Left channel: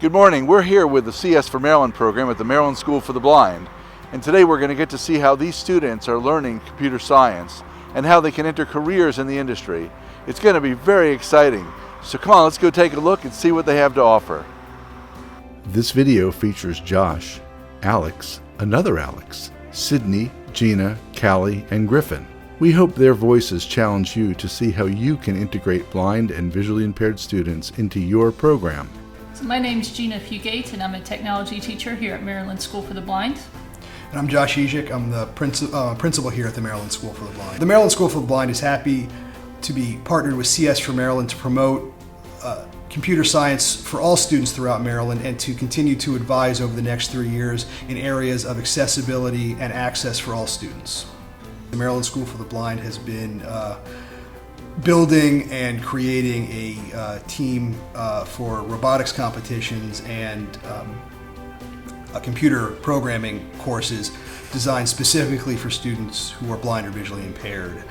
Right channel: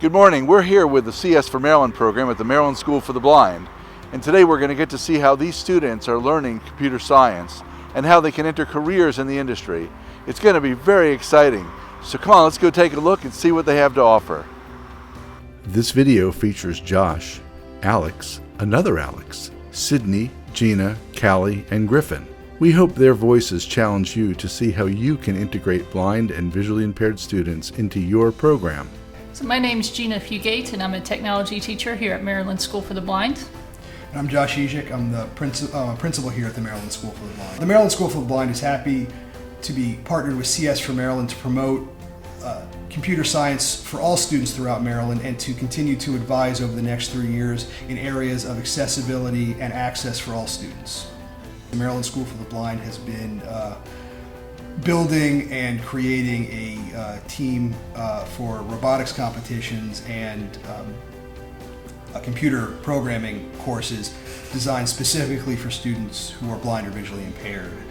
Good morning. We're here with the CS for Maryland program at the Maryland School for the Blind. And today we're going to get to see how these students are learning computer science and how they can enter careers in the industry. It's going to be very exciting. So come on, let's go take a look and see what they have to offer. This video features Josh, Alex, another Alex, Sydney, Gina, Callie, and Griffin. We hope their voices challenge you to see how you can integrate blind and visually impaired students into your program. So my name is Gina Fugate, and I'm a technology teacher here at Maryland School for the Blind. And I'm Josh Ejic. I'm the principal here at the Maryland School for the Blind. The Maryland School for the Blind is happy to be partnered with CS for Maryland to promote computer science for all students throughout Maryland and to continue to advise over the next 3 years in areas of accessibility and access for all students. The Maryland School for the Blind has been building and creating a team for robotics competitions and computer programming courses designed specifically for students who are blind or visually impaired.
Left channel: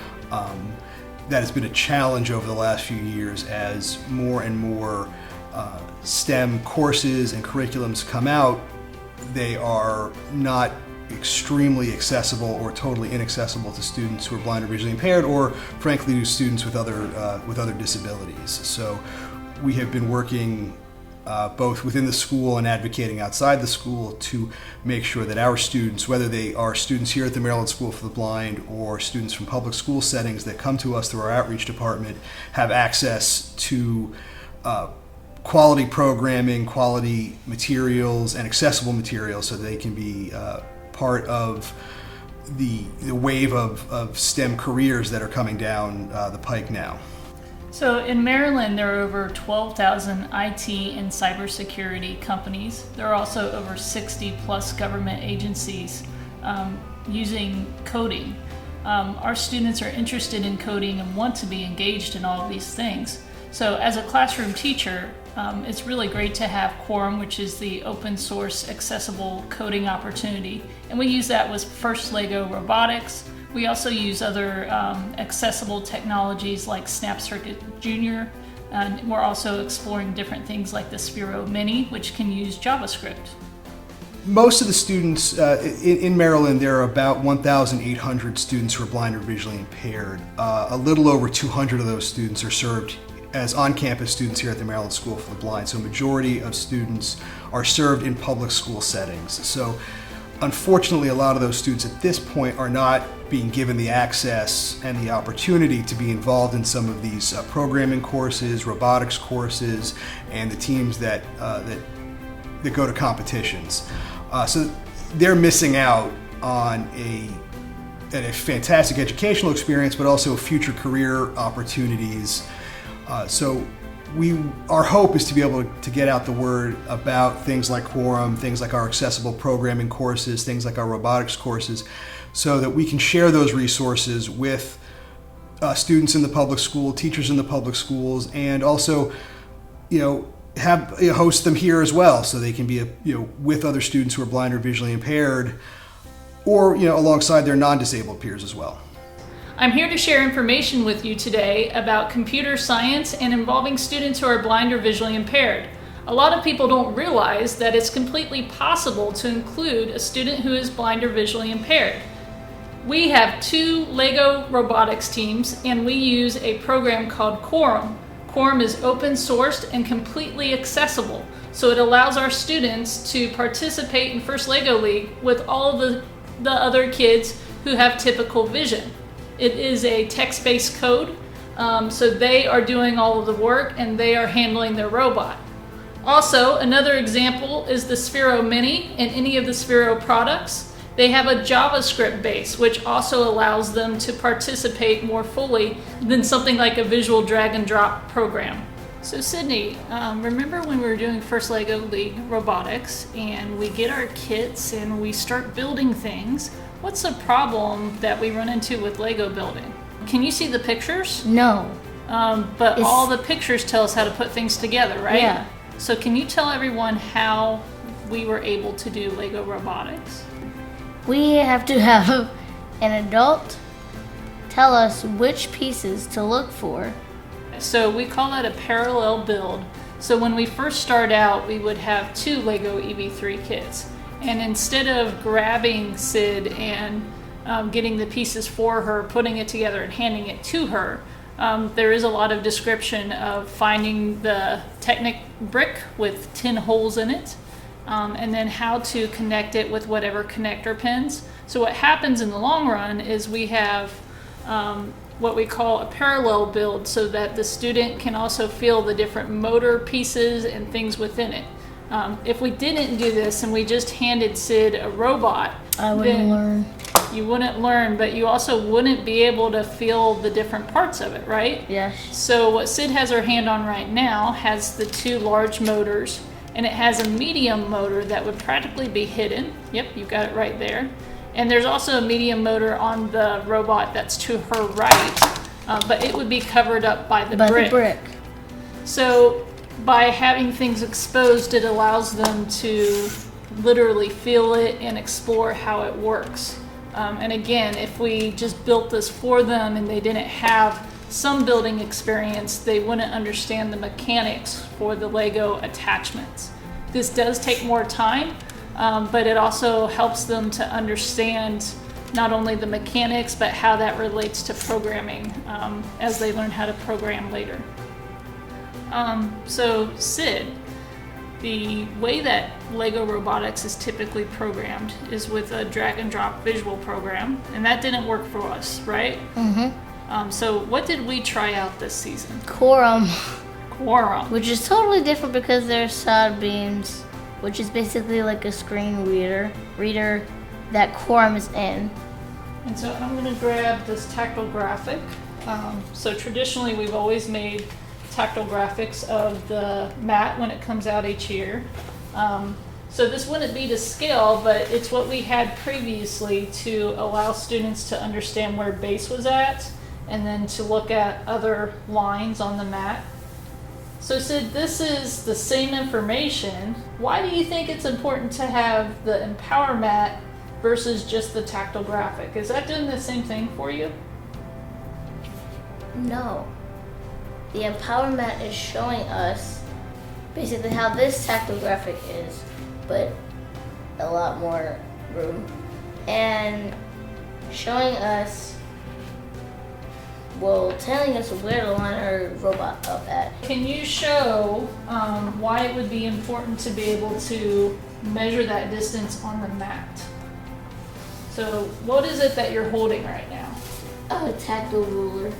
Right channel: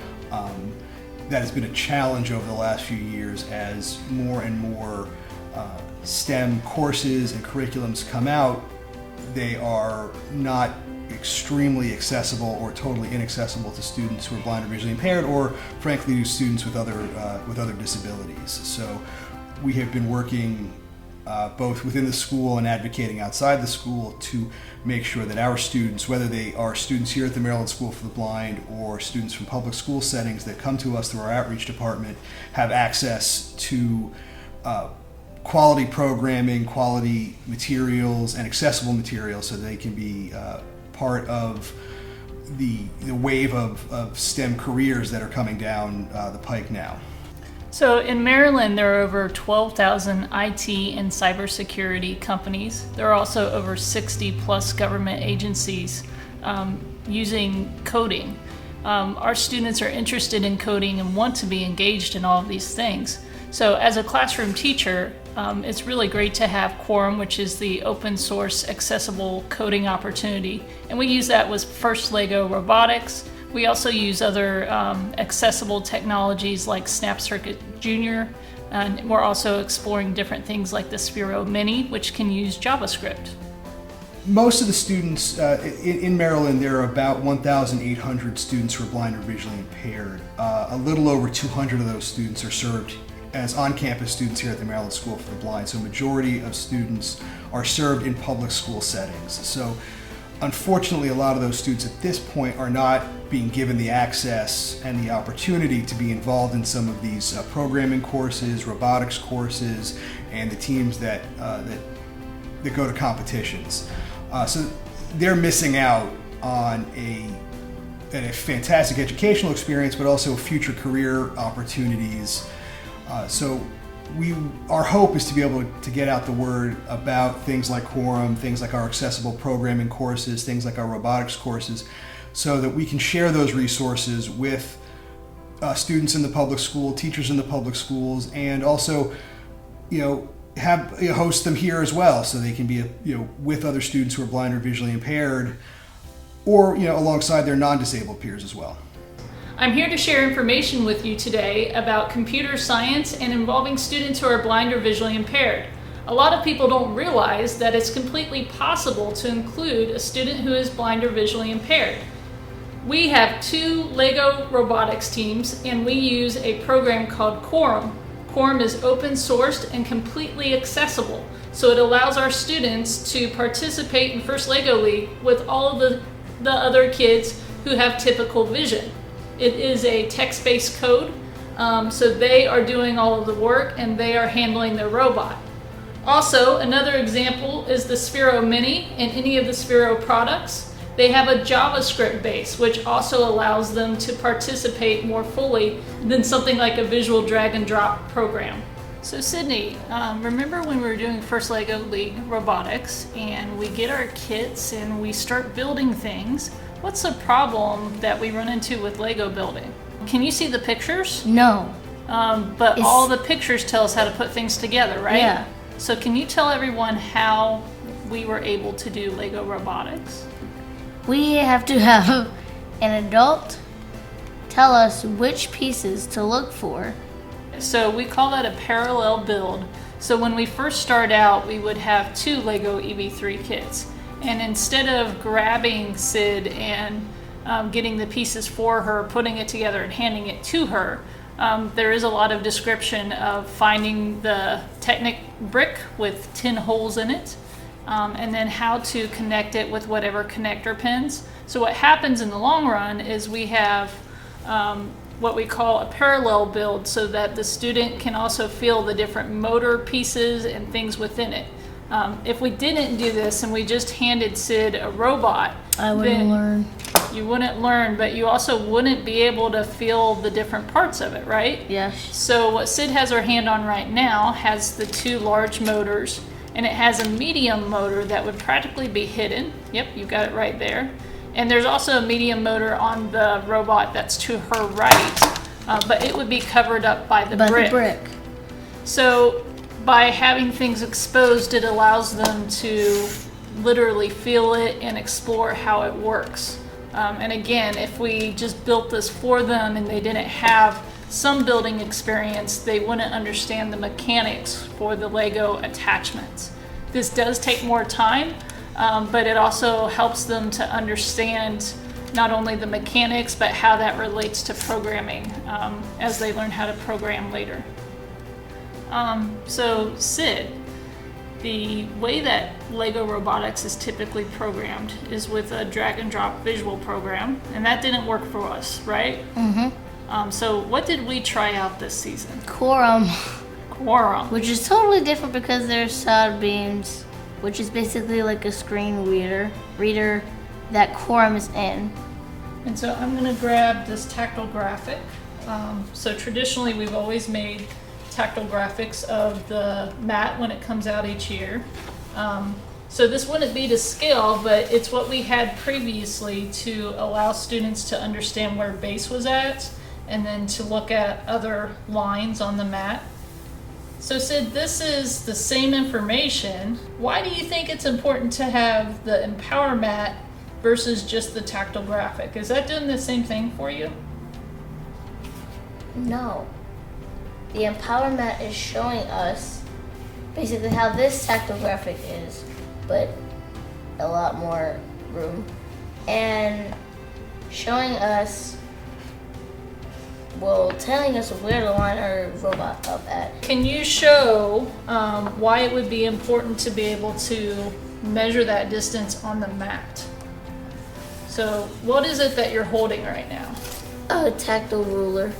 That has been a challenge over the last few years as more and more STEM courses and curriculums come out. They are not extremely accessible or totally inaccessible to students who are blind or visually impaired, or frankly to students with other disabilities. So we have been working both within the school and advocating outside the school to make sure that our students, whether they are students here at the Maryland School for the Blind or students from public school settings that come to us through our outreach department, have access to quality programming, quality materials, and accessible materials so they can be part of the wave of STEM careers that are coming down the pike now. So in Maryland, there are over 12,000 IT and cybersecurity companies. There are also over 60 plus government agencies using coding. Our students are interested in coding and want to be engaged in all of these things. So as a classroom teacher, it's really great to have Quorum, which is the open source accessible coding opportunity. And we use that with First Lego Robotics. We also use other accessible technologies like SnapCircuit Junior, and we're also exploring different things like the Sphero Mini, which can use JavaScript. Most of the students in Maryland, there are about 1,800 students who are blind or visually impaired. A little over 200 of those students are served as on-campus students here at the Maryland School for the Blind. So a majority of students are served in public school settings. So unfortunately, a lot of those students at this point are not being given the access and the opportunity to be involved in some of these programming courses, robotics courses, and the teams that go to competitions. So they're missing out on a fantastic educational experience, but also future career opportunities. So our hope is to be able to get out the word about things like Quorum, things like our accessible programming courses, things like our robotics courses, so that we can share those resources with students in the public school, teachers in the public schools, and also, host them here as well, so they can be, with other students who are blind or visually impaired, or alongside their non-disabled peers as well. I'm here to share information with you today about computer science and involving students who are blind or visually impaired. A lot of people don't realize that it's completely possible to include a student who is blind or visually impaired. We have 2 Lego robotics teams, and we use a program called Quorum. Quorum is open sourced and completely accessible, so it allows our students to participate in First Lego League with all of the other kids who have typical vision. It is a text-based code, so they are doing all of the work and they are handling their robot. Also, another example is the Sphero Mini and any of the Sphero products. They have a JavaScript base, which also allows them to participate more fully than something like a visual drag and drop program. So Sydney, remember when we were doing First Lego League Robotics and we get our kits and we start building things? What's the problem that we run into with Lego building? Can you see the pictures? No. But all the pictures tell us how to put things together, right? Yeah. So can you tell everyone how we were able to do Lego robotics? We have to have an adult tell us which pieces to look for. So we call that a parallel build. So when we first start out, we would have 2 Lego EV3 kits. And instead of grabbing Sid and getting the pieces for her, putting it together and handing it to her, there is a lot of description of finding the Technic brick with 10 holes in it, and then how to connect it with whatever connector pins. So what happens in the long run is we have what we call a parallel build, so that the student can also feel the different motor pieces and things within it. If we didn't do this and we just handed Sid a robot, I wouldn't learn. You wouldn't learn, but you also wouldn't be able to feel the different parts of it, right? Yes. So what Sid has her hand on right now has the 2 large motors, and it has a medium motor that would practically be hidden. Yep, you got it right there. And there's also a medium motor on the robot that's to her right, but it would be covered up by the brick. So by having things exposed, it allows them to literally feel it and explore how it works. And again, if we just built this for them and they didn't have some building experience, they wouldn't understand the mechanics for the Lego attachments. This does take more time, but it also helps them to understand not only the mechanics, but how that relates to programming as they learn how to program later. So Sid, the way that Lego robotics is typically programmed is with a drag and drop visual program, and that didn't work for us, right? Mm-hmm. So what did we try out this season? Quorum. Quorum. Which is totally different because there's side beams, which is basically like a screen reader that Quorum is in. And so I'm going to grab this tactile graphic. So traditionally we've always made tactile graphics of the mat when it comes out each year. So this wouldn't be to scale, but it's what we had previously to allow students to understand where base was at, and then to look at other lines on the mat. So Sid, this is the same information. Why do you think it's important to have the Empower mat versus just the tactile graphic? Is that doing the same thing for you? No. The Empower mat is showing us basically how this tactile graphic is, but a lot more room, and showing us, well, telling us where to line our robot up at. Can you show why it would be important to be able to measure that distance on the mat? So what is it that you're holding right now? A tactile ruler.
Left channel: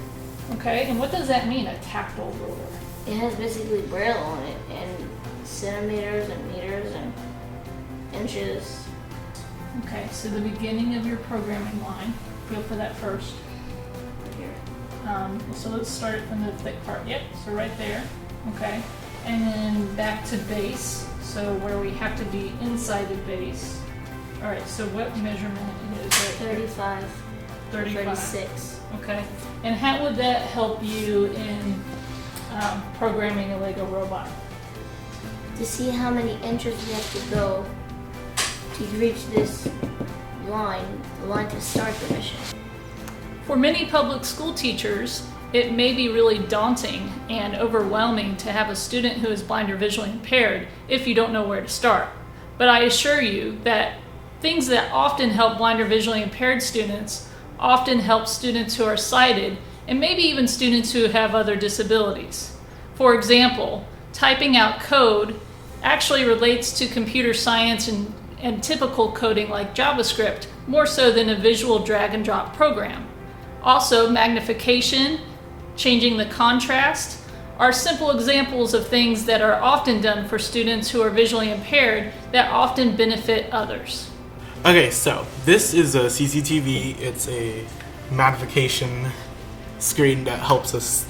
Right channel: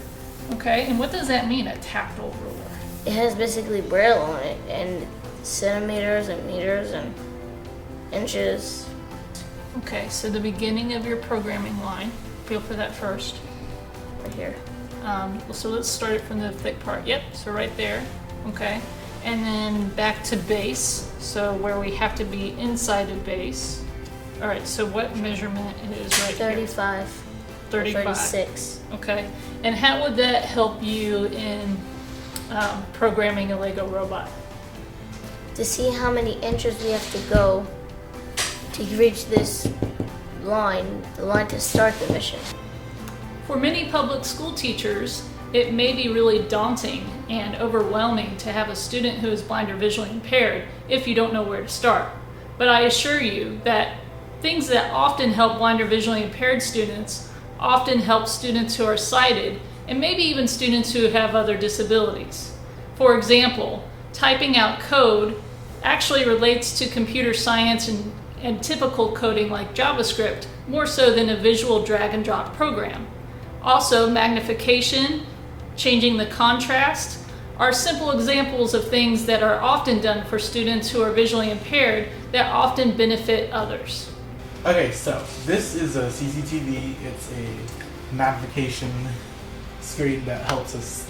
Okay, and what does that mean, a tactile ruler? It has basically Braille on it, and centimeters and meters and inches. Okay, so the beginning of your programming line, feel for that first. Right here. So let's start it from the thick part. Yep, so right there. Okay, and then back to base, so where we have to be inside of base. All right, so what measurement it is right 35. here? 35. 36. Okay, and how would that help you in programming a Lego robot? To see how many inches we have to go to reach this line, the line to start the mission. For many public school teachers, it may be really daunting and overwhelming to have a student who is blind or visually impaired if you don't know where to start. But I assure you that things that often help blind or visually impaired students often help students who are sighted, and maybe even students who have other disabilities. For example, typing out code actually relates to computer science and typical coding like JavaScript, more so than a visual drag and drop program. Also, magnification, changing the contrast, are simple examples of things that are often done for students who are visually impaired that often benefit others. Okay, so this is a CCTV. It's a magnification screen that helps us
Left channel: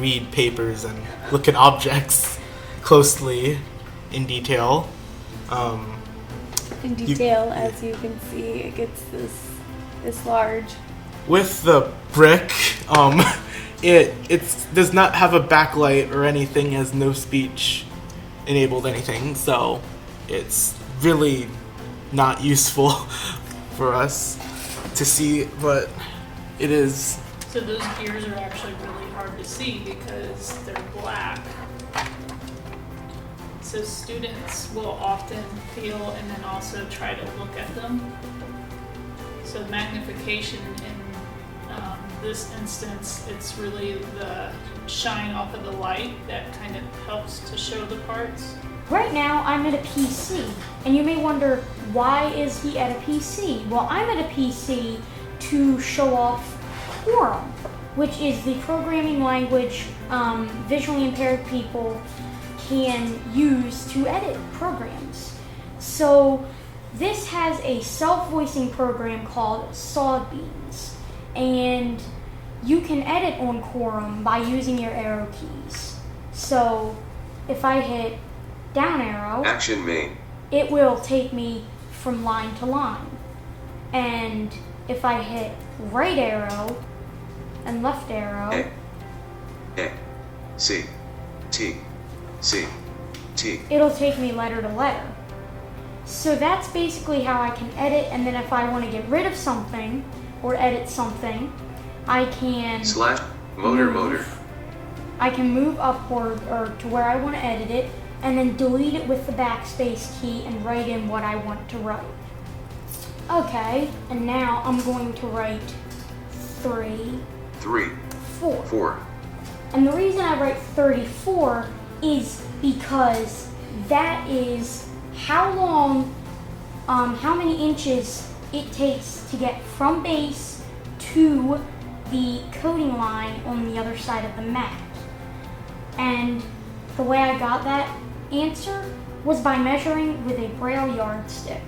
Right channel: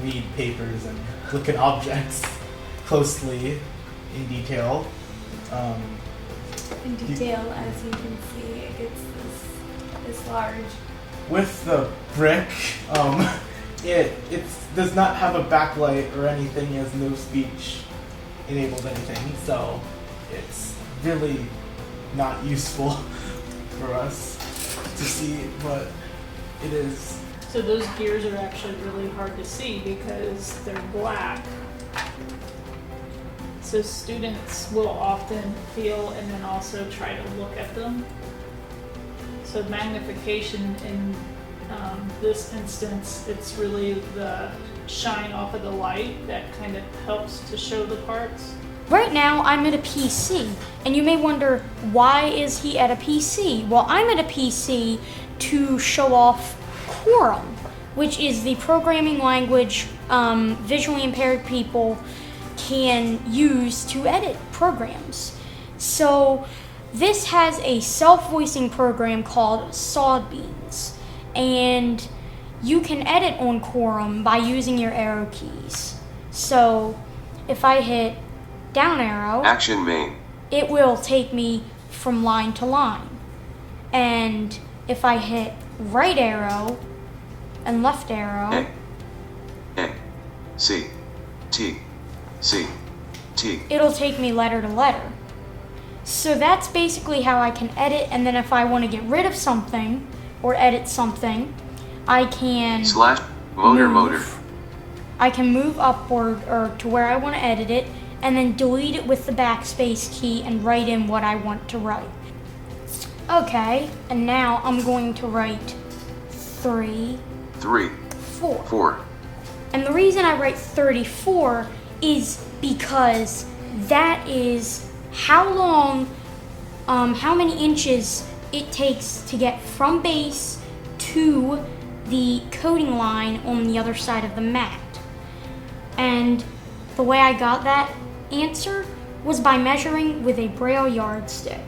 read papers and look at objects closely in detail. As you can see, it gets this large. With the brick, it does not have a backlight or anything. It has no speech enabled anything, so it's really not useful for us to see, but it is. So those gears are actually really hard to see because they're black. So students will often feel and then also try to look at them. So magnification in this instance, it's really the shine off of the light that kind of helps to show the parts. Right now, I'm at a PC, and you may wonder, why is he at a PC? Well, I'm at a PC to show off Quorum, which is the programming language visually impaired people can use to edit programs. So this has a self-voicing program called Sawbeans, and you can edit on Quorum by using your arrow keys. So if I hit down arrow, Action main. it will take me from line to line. And if I hit right arrow and left arrow, A. C. T. C. T. it'll take me letter to letter. So that's basically how I can edit, and then if I want to get rid of something or edit something, I can Slash. Motor. move. Motor. I can move upward or to where I want to edit it, and then delete it with the backspace key and write in what I want to write. Okay, and now I'm going to write 3, 3. 4. 4. And the reason I write 34 is because that is how long, how many inches it takes to get from base to the coding line on the other side of the mat. And the way I got that answer was by measuring with a Braille yardstick.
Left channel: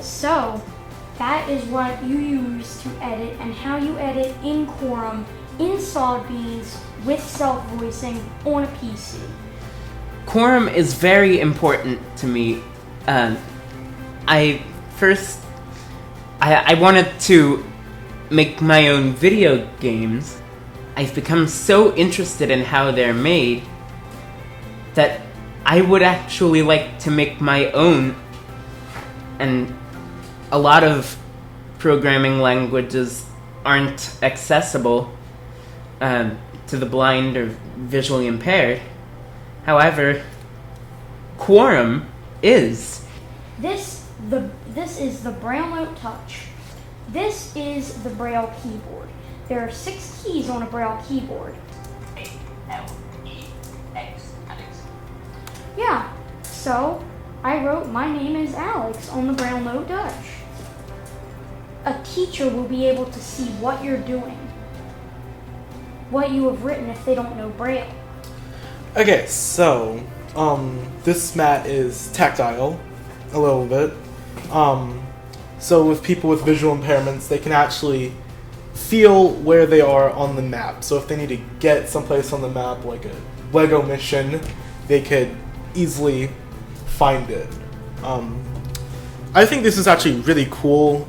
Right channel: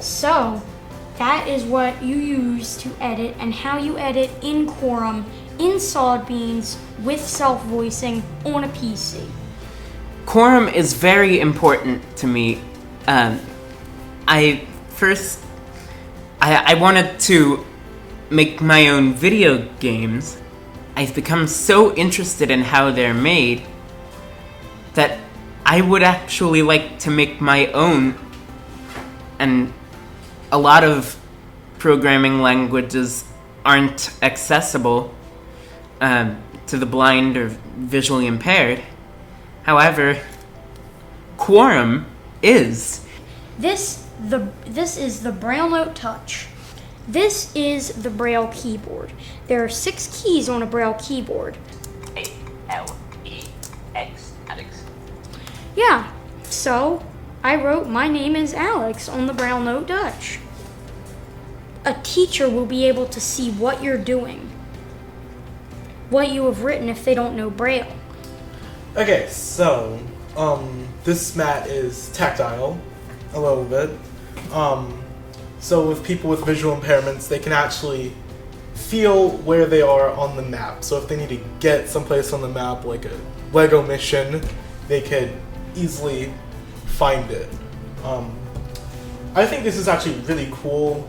So that is what you use to edit and how you edit in Quorum, in Sawbeans, with self-voicing on a PC. Quorum is very important to me. I wanted to make my own video games. I've become so interested in how they're made that I would actually like to make my own, and a lot of programming languages aren't accessible to the blind or visually impaired. However, Quorum is. This is the Braille Note Touch. This is the Braille keyboard. There are 6 keys on a Braille keyboard. A-L-E-X, Alex. Yeah, so I wrote "My name is Alex" on the Braille Note Touch. A teacher will be able to see what you're doing, what you have written if they don't know Braille. Okay, so this mat is tactile a little bit. So with people with visual impairments, they can actually feel where they are on the map. So if they need to get someplace on the map, like a Lego mission, they could easily find it. I think this is actually really cool,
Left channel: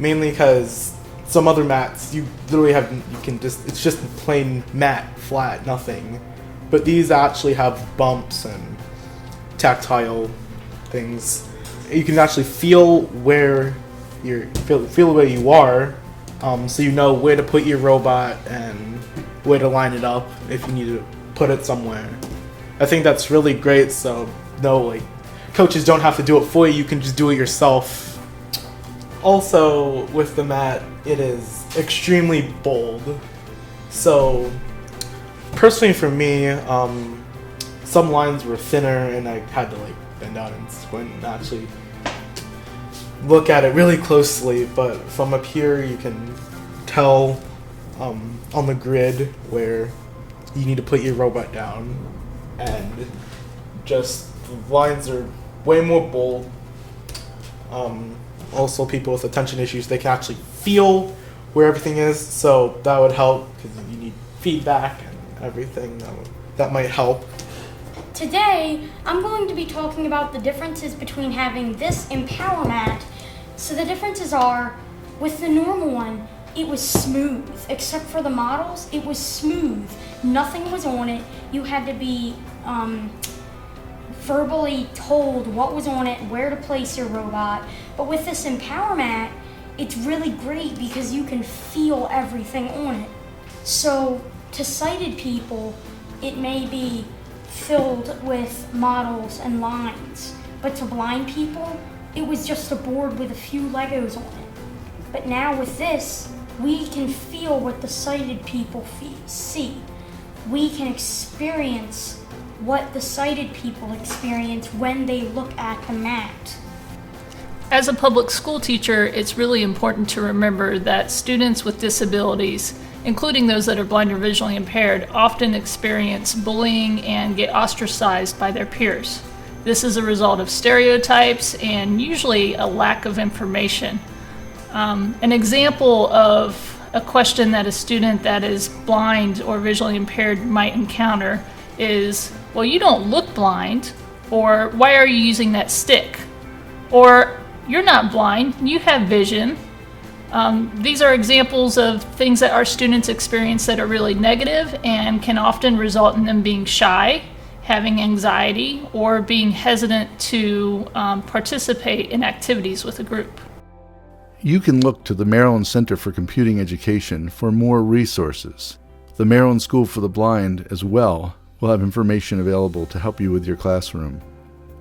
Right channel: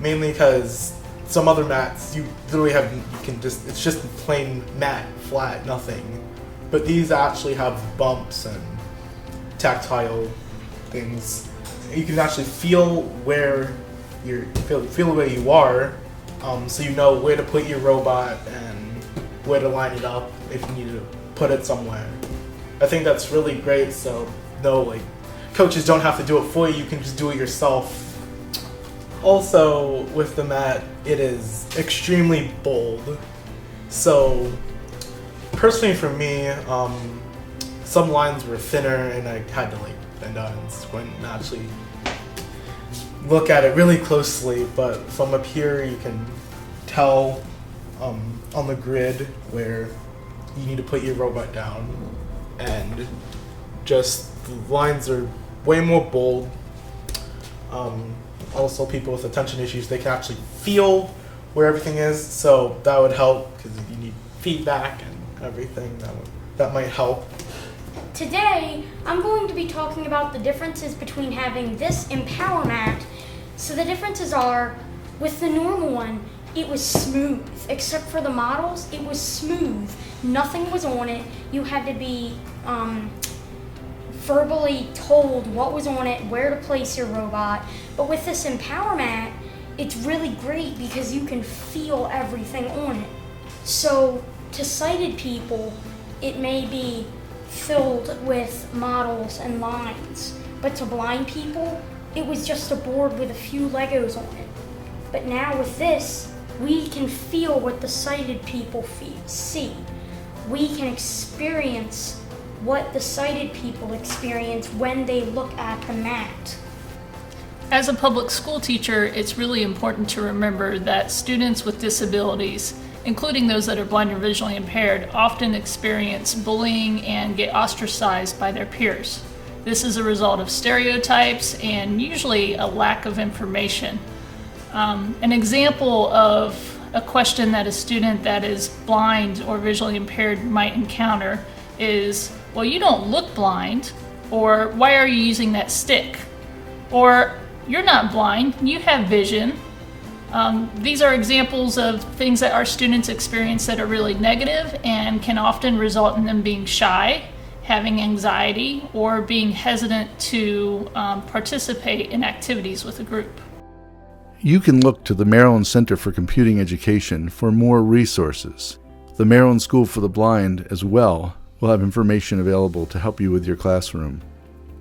mainly because some other mats you literally have, it's just plain mat, flat, nothing. But these actually have bumps and tactile things. You can actually feel where feel where you are, so you know where to put your robot and where to line it up if you need to put it somewhere. I think that's really great. So no, coaches don't have to do it for you. You can just do it yourself. Also, with the mat, it is extremely bold. So personally, for me, some lines were thinner, and I had to bend down and squint and actually look at it really closely. But from up here, you can tell on the grid where you need to put your robot down, and just the lines are way more bold. Also, people with attention issues, they can actually feel where everything is, so that would help because you need feedback and everything. That might help. Today, I'm going to be talking about the differences between having this Empower mat. So the differences are, with the normal one, it was smooth. Except for the models, it was smooth. Nothing was on it. You had to be verbally told what was on it, where to place your robot. But with this Empower mat, it's really great because you can feel everything on it. So to sighted people, it may be filled with models and lines. But to blind people, it was just a board with a few Legos on it. But now with this, we can feel what the sighted people see. We can experience what the sighted people experience when they look at the mat. As a public school teacher, it's really important to remember that students with disabilities, including those that are blind or visually impaired, often experience bullying and get ostracized by their peers. This is a result of stereotypes and usually a lack of information. An example of a question that a student that is blind or visually impaired might encounter is, well, you don't look blind, or why are you using that stick? Or, you're not blind, you have vision. These are examples of things that our students experience that are really negative and can often result in them being shy, having anxiety, or being hesitant to participate in activities with a group. You can look to the Maryland Center for Computing Education for more resources. The Maryland School for the Blind as well will have information available to help you with your classroom.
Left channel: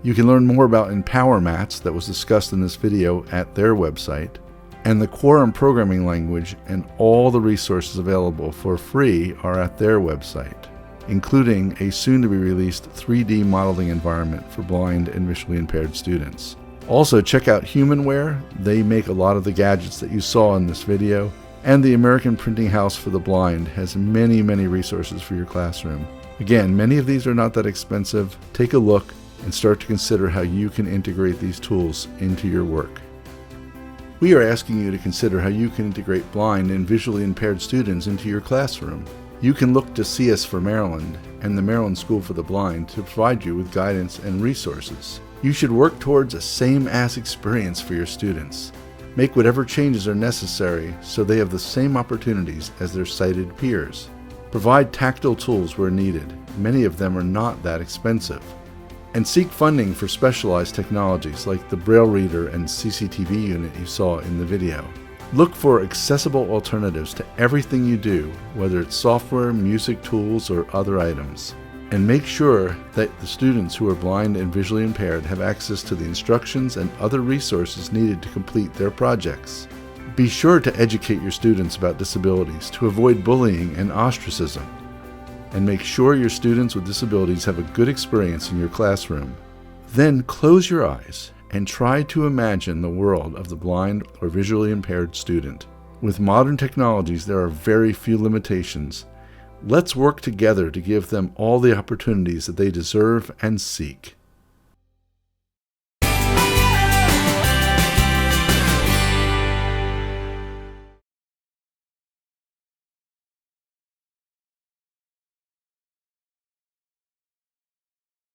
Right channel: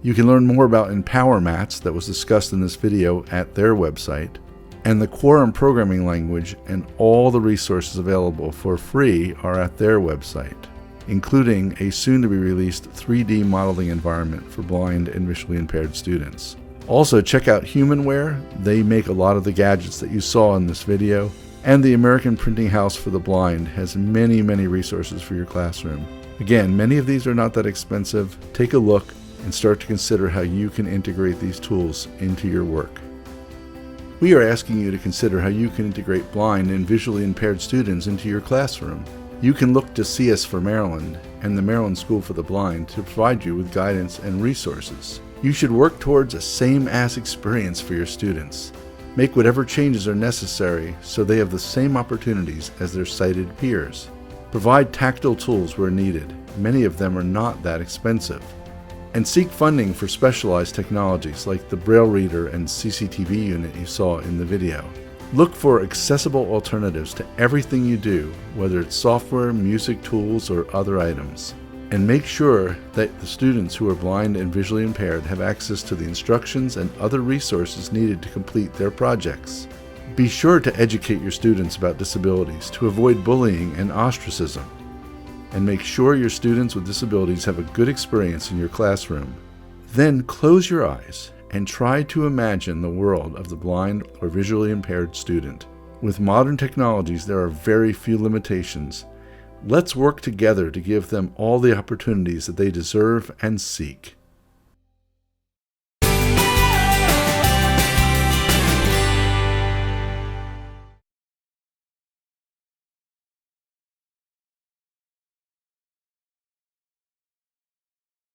You can learn more about Empower Mats that was discussed in this video at their website, and the Quorum programming language and all the resources available for free are at their website, including a soon-to-be-released 3D modeling environment for blind and visually impaired students. Also, check out Humanware. They make a lot of the gadgets that you saw in this video, and the American Printing House for the Blind has many resources for your classroom. Again, many of these are not that expensive. Take a look and start to consider how you can integrate these tools into your work. We are asking you to consider how you can integrate blind and visually impaired students into your classroom. You can look to CS for Maryland and the Maryland School for the Blind to provide you with guidance and resources. You should work towards a same-as experience for your students. Make whatever changes are necessary so they have the same opportunities as their sighted peers. Provide tactile tools where needed. Many of them are not that expensive. And seek funding for specialized technologies like the Braille Reader and CCTV unit you saw in the video. Look for accessible alternatives to everything you do, whether it's software, music tools, or other items. And make sure that the students who are blind and visually impaired have access to the instructions and other resources needed to complete their projects. Be sure to educate your students about disabilities to avoid bullying and ostracism. And make sure your students with disabilities have a good experience in your classroom. Then close your eyes and try to imagine the world of the blind or visually impaired student. With modern technologies, there are very few limitations. Let's work together to give them all the opportunities that they deserve and seek.